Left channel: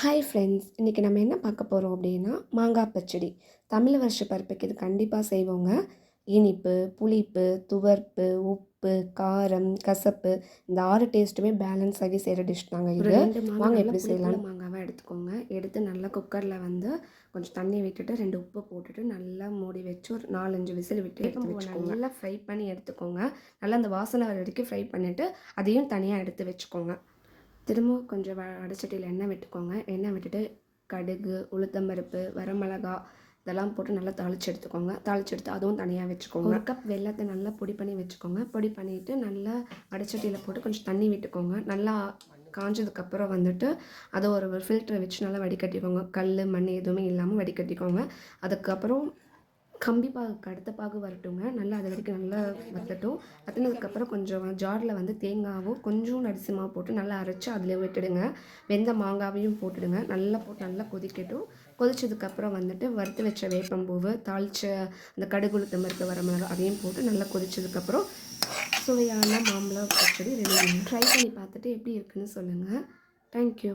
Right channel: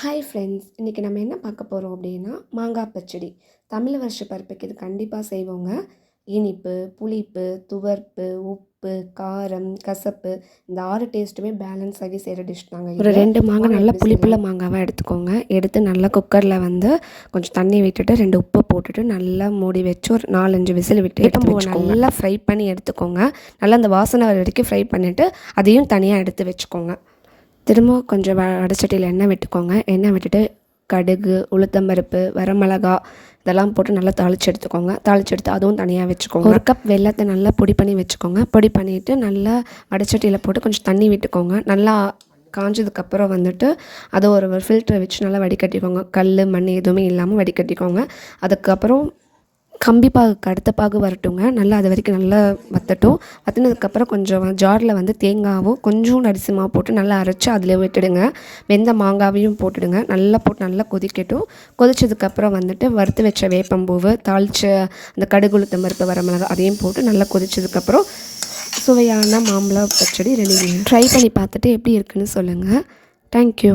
Hi friends, இன்றைக்கி நம்ம என்ன பார்க்க போகிறோம் அப்படின்னா மாங்காய் பச்சடி. தமிழ் வருஷ பருப்புக்கு இது கண்டிப்பாக செய்வோங்க. இனிப்பு, புளிப்பு, துவர்ப்பு, உப்பு, காரம், கசப்பு இந்த 6 டேஸ்ட்டுமே பேலன்ஸ் ஆகி செய்கிற டிஷ் தாங்க. ஒரு 2 மாங்காய் நல்லா புளிப்புள்ள மாங்காவாக எடுத்துக்கோங்க. எடுத்து நல்லா குக்கரில் வந்து கொஞ்சம் தண்ணி விட்டுட்டு 2 உப்பு போட்டுட்டு நல்லா மூடி வச்சு ஒரு 4-5 விசில் விட்டு எடுத்து நல்லா ஃப்ரை பண்ணி எடுத்துக்கோங்க. நல்லா அந்த வாசனை வர வரைக்கும் ஃப்ரை பண்ணிவிட்டு அதையும் தனியாக எடுத்து வச்சுக்கோங்க. திரும்ப கொஞ்சம் வடச்சட்டியில் எண்ணெய் விட்டுக்கோங்க. எண்ணெய் விட்டுட்டு கடுகு, உளுத்தம்பருப்பு, வரமிளகா இதெல்லாம் போட்டு நல்லா தாளித்து எடுத்துக்கோங்க. தாளித்து எடுத்து அதுவும் தனியாக வச்சுக்கோங்க. 1 கப் வெல்லத்தை நல்லா பொடி பண்ணி வச்சுக்கோங்க. பொடி பண்ணிவிட்டு நல்லா வடச்சட்டியில் போட்டு கொஞ்சம் தண்ணி விட்டுக்கோங்க. நல்லா காஞ்சதுக்கப்புறம் வந்துட்டு அதை ஒரு ஃபில்டரை வச்சு நல்லா வடிகட்டிக்கோங்க. கல், மண் எதுவுமே இல்லாமல் வடிகட்டிக்கோங்க. அதுக்கப்புறம் கம்பி பாகுக்கு அடுத்த பாகு வரட்டுங்க. நல்லா அது வரைக்கும் நல்லா வற்றட்டும். வற்றினதுக்கப்புறம் கொஞ்சம் ஜாரில் வந்து தேங்காவும் கொஞ்சம் அரிசி மாவு போட்டு நல்லா அரைச்சி அதில் விட்டுடுங்க. வெந்த மாங்காவையும் போட்டுடுங்க. நல்லா போட்டு நல்லா கொதிக்கட்டும். கொதிச்சதுக்கப்புறம் வந்துட்டு வறுத்து வச்ச வேப்பம்பூவு, தாளித்த அந்த கடுகு, உளுத்தம் பருப்பு, வரமிளகா அதையும் போட்டு நல்லா கொதிச்சதுக்கப்புறம் சுவையான மாம்பழ பச்சடி ரெடி. ட்ரை பண்ணி பார்த்துட்டு எப்படி இருக்குன்னு சொல்லுங்கள். தேங்க்யூ.